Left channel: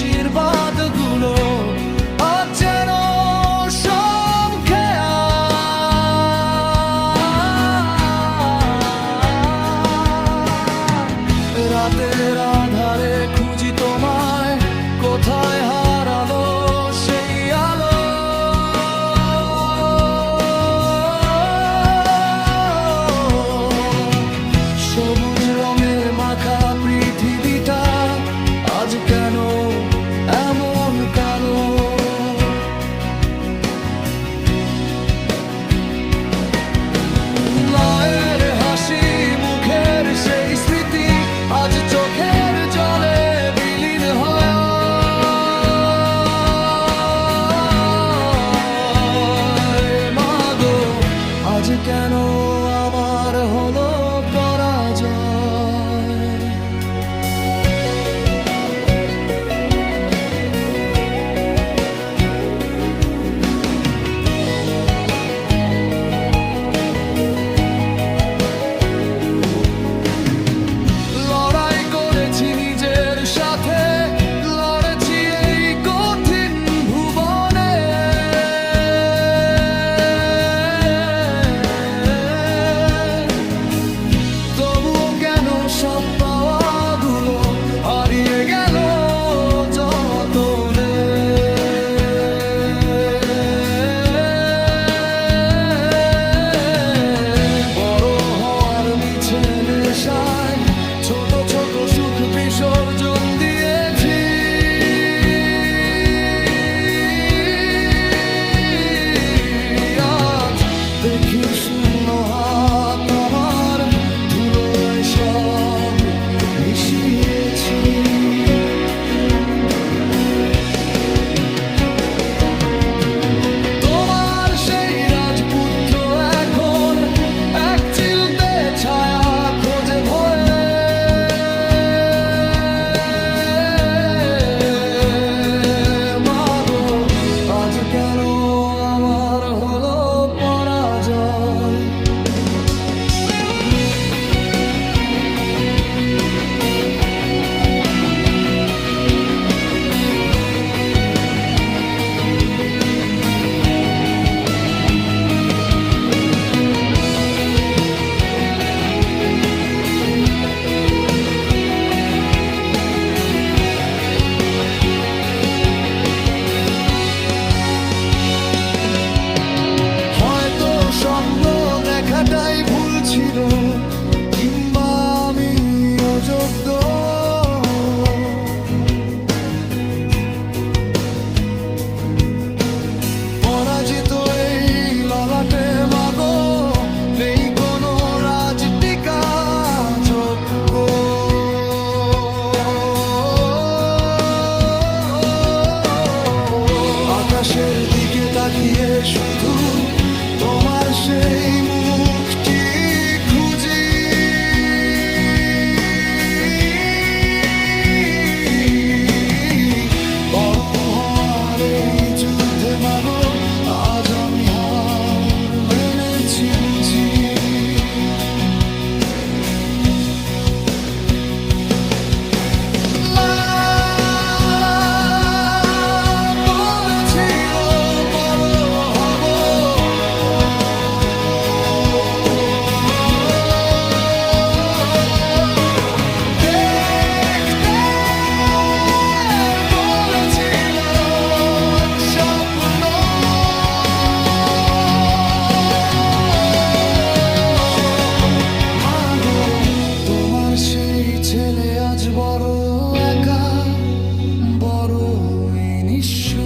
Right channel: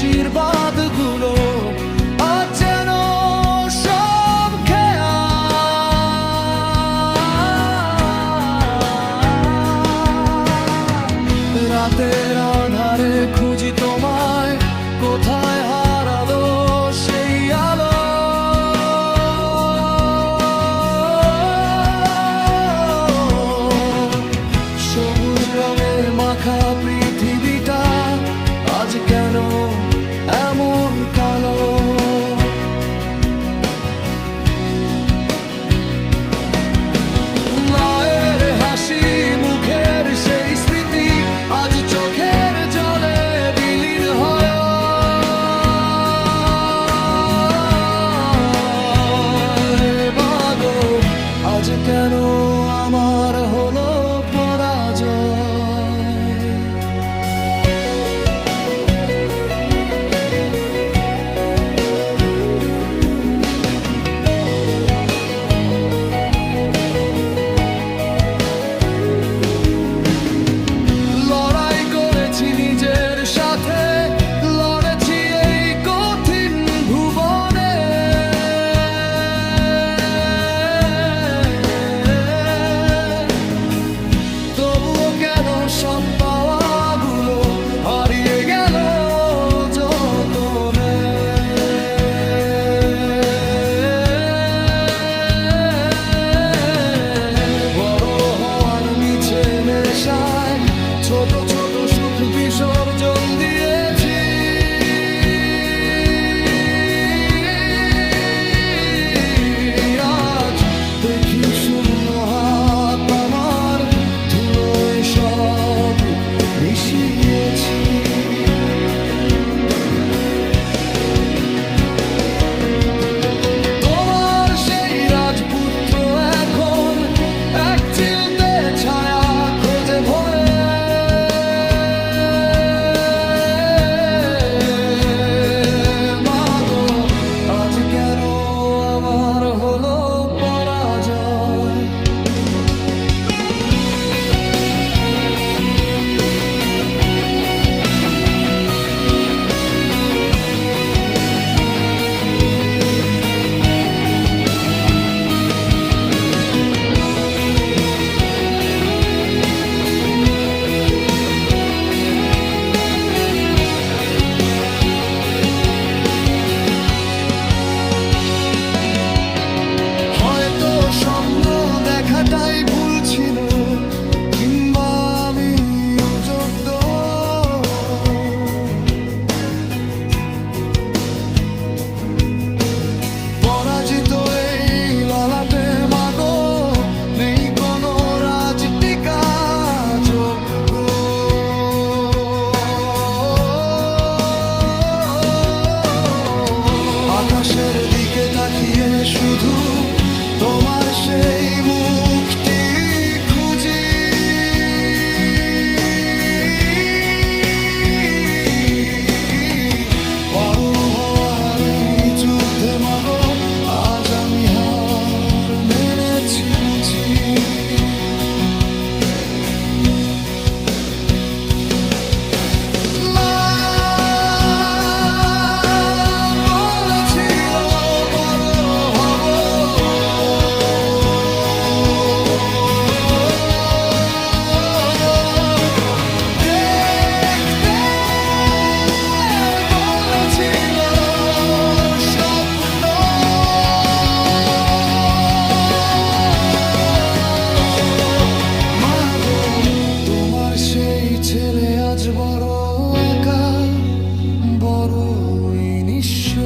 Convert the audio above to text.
আশীর্বাদগুলো আজ যেন সব খেয়া। রাতের আধারে খুঁজি তোমায়, কোথায় হারালো সেই আলো। সবুজ রঙে মাখা পৃথিবীটা আজ কেন এমন কালো। মায়ের হাসি মুখের সেই স্মৃতি আজ চোখের জলে বিলীন হয়। মাগো আজ কেন আমার হলো পরাজয়। লড়াই করেছি নিজের সাথে, লড়েছি এই কঠিন ভুবনে। তবুও কেন সব পাওয়াগুলো হারিয়ে গেল যতনে। বড় হওয়ার মিছে নেশায় ছোট ছোট সুখ বিসর্জন দিয়েছি। আজ দেখি শূন্য হাত আমার, ধুলোয় সব মিশিয়েছি। তোমার সেই রাজপুত্র এখন এক চিলতে ছায়া খোঁজে ভয়ে। মাগো আজ কেন আমার হলো পরাজয়। হয়তো স্বপ্ন দেখাটাই ভুল ছিল, কিংবা আমি অযোগ্য। পরাজিত এই ললাটে মাগো নেই কোনো রাজটিকা যোগ্য। আকাশের দিকে তাকিয়ে শুধু তোমার সেই মুখটি খুঁজি। বড় হওয়ার এই যুদ্ধে মাগো আজ আমি হার মেনেছি বুঝি। সেই ছেলে আজ বড় একা, বড়ই নিঃস্ব।